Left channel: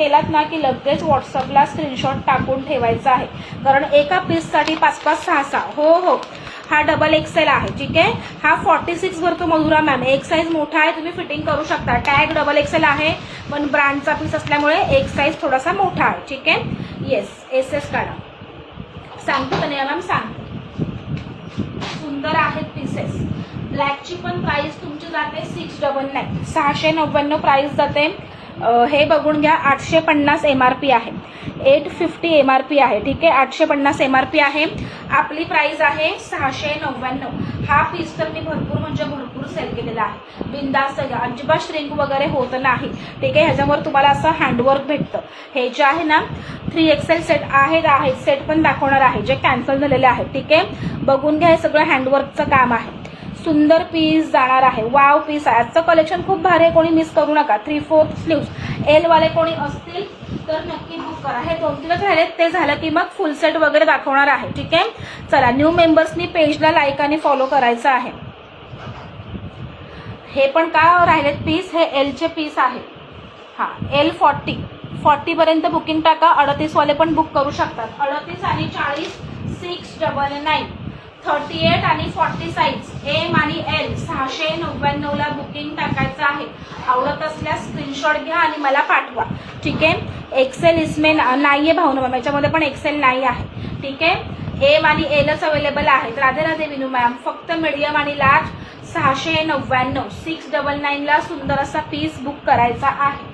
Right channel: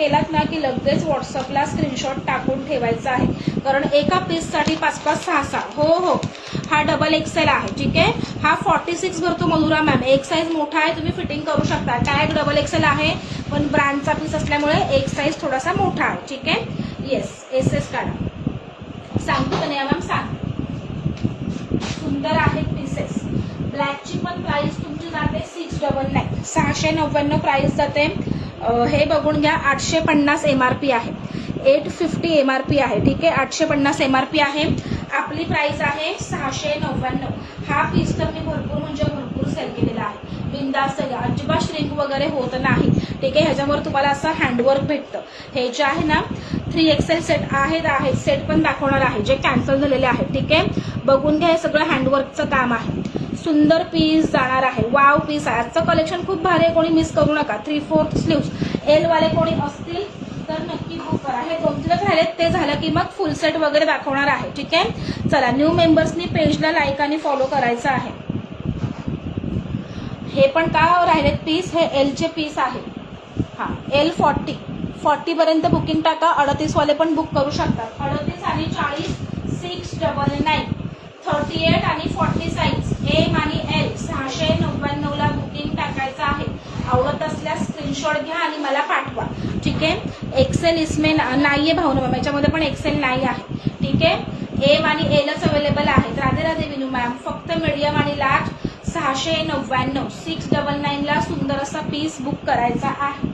केलात ना की लगेच व्हॉट्सअपला स्क्रीनशॉट टाकून ठेवायचा आहे, कारण एका पीससाठी 5-5, 6-6. हो, हा डबल एक्सेल आहे. ठीक आहे, हा 46 भरतो मधुरा मॅम. एक साईज मोठा आहे, तुम्ही फिटिंग करू शकता. टॅग डबल एक्सेल आहे, पण ब्रँडचा पीस असल्यामुळे एक साईज थोडासा मोठा आहे. ठीक आहे, येस, SS काढा. सांगतो कन्या मॅम, सांगतो. सुंदर आहेत पीसेस. ब्लॅकची पण प्राइस तुमची जाते 699, 699 प्राइस जाते. हे बघून घ्या, 850 MRP आहे, 850 MRP आहे. ठीक आहे, 850 MRP आहे. आपली प्राइस आहे 699. हा पीस तर मी भरपूर म्हणजे भरपूर सेल केलेला आहे. बिंदास्त घ्या, अजिबात श्रिंक वगैरे होत नाही. ठीक आहे, ह्याच्यावर तुम्हाला असं हँडवर्क भेटतं. हे जे आहे ना 3XL सेट आहेत, सेट पण दाखवणार आहे जे कॅन्सल झालेले आहेत. ठीक आहे, बघून घ्या, हे सगळं हँडवर्कचं काम आहे. सुंदर पीस जाणार आहे. वाव पीस आहे. आजचं कलेक्शन खूप भारी आहे, कोणी मिस करू नका. 3/4 स्लीव्स एल वाले कोणी असतील तर नक्की बुक करा. हे 2 दिवस राहिलेत, ते झालं की मग फुल सेट वगैरे दाखवणार आहे. ठीक आहे, चला, न्यू मेंबर्सनी पेजला लाईक आणि फॉलो करायचं आहे. हे पण का राहिलेत पीस, हे एलचे पीस आहे. हा, L 40 पर्यंत बुकिंग टाका. 38 वाले पण बुक करू शकतात. 38 आणि 40 699, 38 आणि 40 साईज एम आणि L 699 ला बुकिंग टाकायचं आहे. आवडत असल्यास स्क्रीनशॉट घ्या आणि मला पाठवा. ठीक आहे, एक्सेल इसमे नाहीये भावना मॅम, याच्यामध्ये पण एक्सेल नाही आहे. ठीक आहे, एम आणि एलच अवेलेबल आहेत. राधे राधे विनू मॅम. फक्त मीडियम आणि लार्ज 699, 699 ला सुंदर असा पीस बुक करायचा आहे.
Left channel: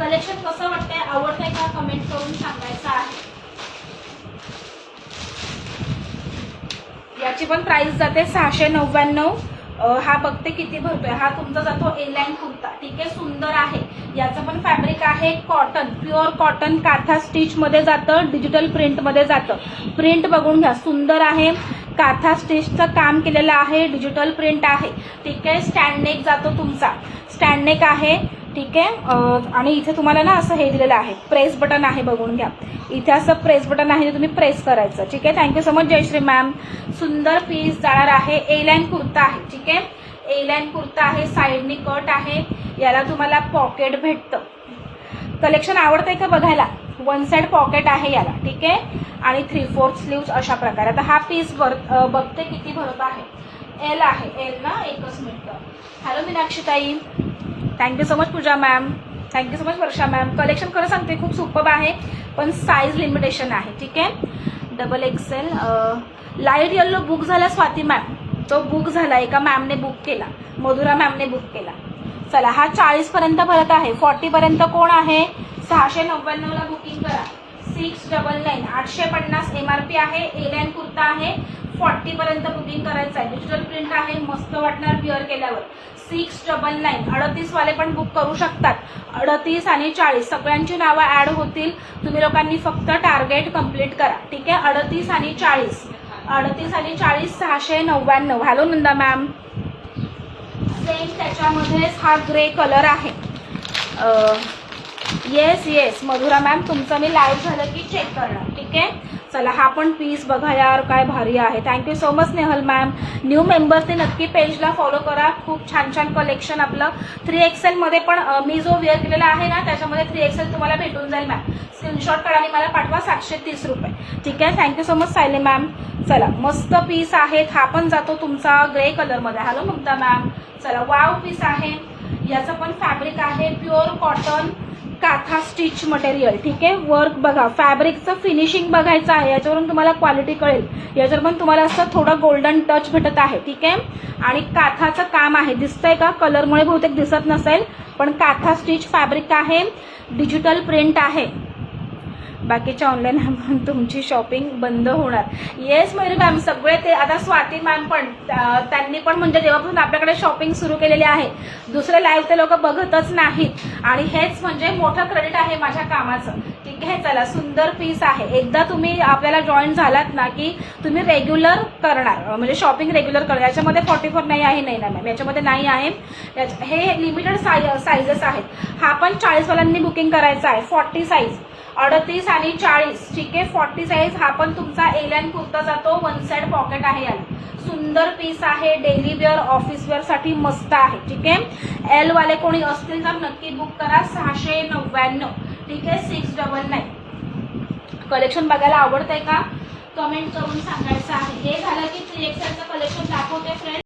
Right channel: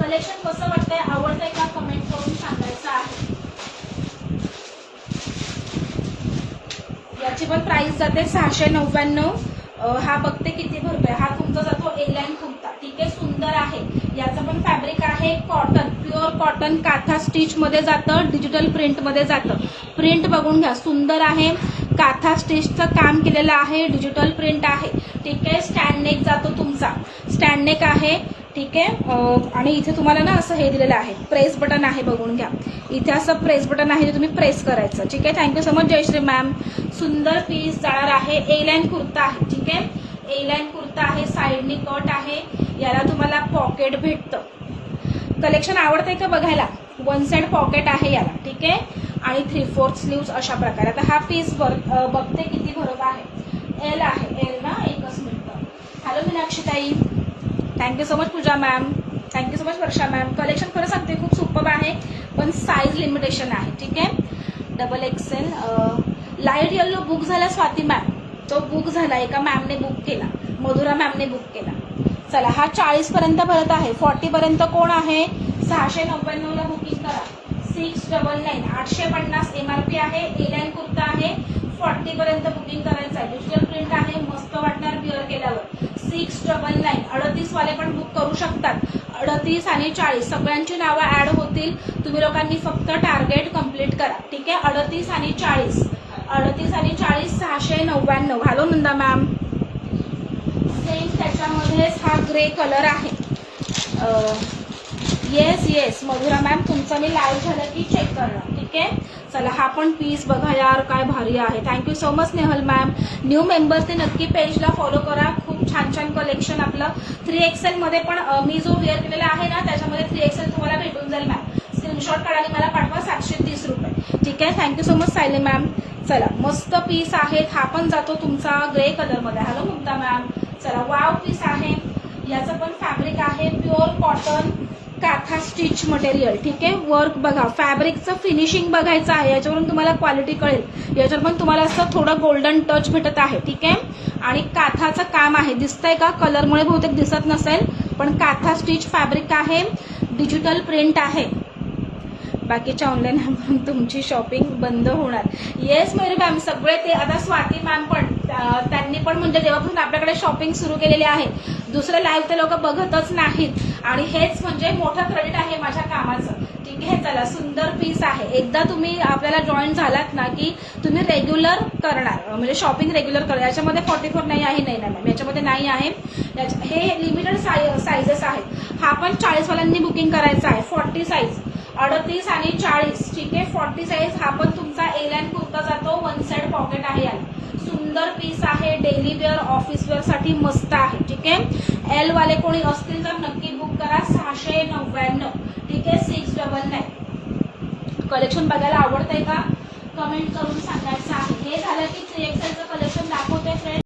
कलेक्शन कसं वाटतंय, आवडतंय का, कमेंट करून सांगायचं आहे. याची पण प्राइस जाते 699. हा बघते किती भरतोय. हा तुमचा जातो ए लाईन कुर्ता. ठीक आहे, सुंदर आहे. याचं पण फॅब्रिक आहे cotton, pure cotton. Katha stitch मध्ये जातं, डिजिटल प्रिंट मध्ये जातं. प्रिंट बघून घ्या, सुंदर आहे. काथा स्टिचचं काम केलेलं आहे, डिजिटल प्रिंट आहे. ठीक आहे, स्टँड नेक जातो तुमचा, स्टँड नेक आहे. ठीक आहे, आणि इथे तुम्हाला ना असं हे दिलेलं आहे, प्रेस बटन आहे, बघून घ्या. इथे असं प्रेस बटन आहे, तुम्ही प्रेस करायचं. ठीक आहे, thank you so much Jayshree ma'am. सुंदर पीस जाणार आहे. ए लाईन कुर्ता आहे. ठीक आहे, ए लाईन कुर्ता आहे, साईडनी कट आहे. याला तुम्हाला पॉकेट भेटतं. कलेक्शन आवडतंय का बघायला. 1 साइड पॉकेट आहे याला. ठीक आहे, आणि 3/4 स्लीव्स अशा प्रकारे. आता हा पीस बघते किती भरत आहे. एल आहे, एल ना, एकच मिनिट. हॅलो मीनाक्षी ताई, थँक्यू सो मच पूजा मॅम, थँक्यू सो मच वर्षा मॅम. कलेक्शन खरं सांगते खूप सुपर आहे, पण साईज लिमिटेशन आहे. ठीक आहे, double XL. Light yellow book झाला स्वाती मॅम, तो बुक झाला, एका मॅमने बुक केला, मधुरा मॅमने बुक केला. चला, हा 40 पर्यंत भरत आहे. 40 पर्यंत कोण आहे, 699 ला बुकिंग करा. 699, 850 MRP आहे. ए लाईन कुर्ता आहे. 40 पर्यंत बुकिंग करायचं आहे. डिजिटल प्रिंट आहे, मस्त वाटणार विअर केल्यावर. 699. 38 वाले पण बुक करू शकतात. 38 आणि 40 सगळ्यांची नावं ऍड होतील. तुम्ही लोकांनी फक्त टार्गेट कम्प्लीट करा. ठीक आहे, 38 आणि 40, 38 आणि 40 699. Hello Nanda ma'am. सेम त्याच्यामध्येच हा ग्रे कलर आहे. येस मधुरा मॅम, तुमचं मी लाईव्ह झालं की चेक करणार. ठीक आहे, चला, हा पण पीस बघा यार, काय भारी आहे. Thank you so much Nehal ma'am. New मेंबर्सने नक्की पेजला फॉलो करा. खूप छान छान कलेक्शन आपलं. 3XL मध्ये पण मी जो वेअर केलेला आहे ना, त्याच्यामध्ये 3XL तुम्हाला भेटून जाईल मॅम. स्क्रीनशॉट काढा आणि मला पाठवा. 730 रुपये. ठीक आहे, thank you so much Sayali ma'am. चला, मस्त पीस आहेत. हा पण जातो तुमचा ग्रे कलर मध्ये. Hello Mamta ma'am. चला, वाव पीस आहे. याचं पण फॅब्रिक आहे pure cotton, katha stitch material. ठीक आहे, वर्क बघा, फॅब्रिकचं फिनिशिंग बघायचं आहे, याच्यावरून तुम्हाला क्वालिटी कळेल. याच्यावर पण तुम्हाला असं थोडं गोल्डन टच भेटत आहे. ठीक आहे, आणि काथाचं काम आहे, दिसतंय का, कलरमुळे बहुतेक दिसत नसेल, पण काथा स्टिच फॅब्रिक आहे, डिजिटल प्रिंट आहे. बाकीच्या ऑनलाईन तुमची शॉपिंग बंद होणार. येस मयुरी मॅम, सगळे ते आता स्वाती मॅम पण, त्यांनी पण म्हणजे जेव्हापासून आपल्याकडे शॉपिंग सुरू केलेली आहे, दुसरे लाईव्ह ते लोक बघतच नाहीत, आणि हेच म्हणजे मोठं क्रेडिट आहे माझ्या कामाचं. ठीक आहे, चला, सुंदर पीस आहे. एकदा तुम्ही आपल्याला जॉईन झालात ना की तुम्ही रेग्युलर करणार, म्हणजे शॉपिंग रेग्युलर करणार. याच्यामध्ये 44 नाही आहे, नाही ना मॅम, याच्यामध्ये नाही आहे. हे लिमिटेड साईजेस आहेत. हा पण 40 वाल्यांनी बुकिंग करायचा आहे. 40 साईज 38 आणि 40, ठीक आहे. 40 साईज हा पण तुमचा ए लाईन कुर्ता जातो. वन साइड पॉकेट आहे याला. सुंदर पीस आहे. डेली वेअर ऑफिस वेअर साठी मस्त आहे, ठीक आहे. एल वाले कोणी असतील तर नक्की बुक करा. 699, ठीक आहे. 699. कलेक्शन बघायला आवडतंय का? कमेंट करून सांगायचं आहे. हे झालं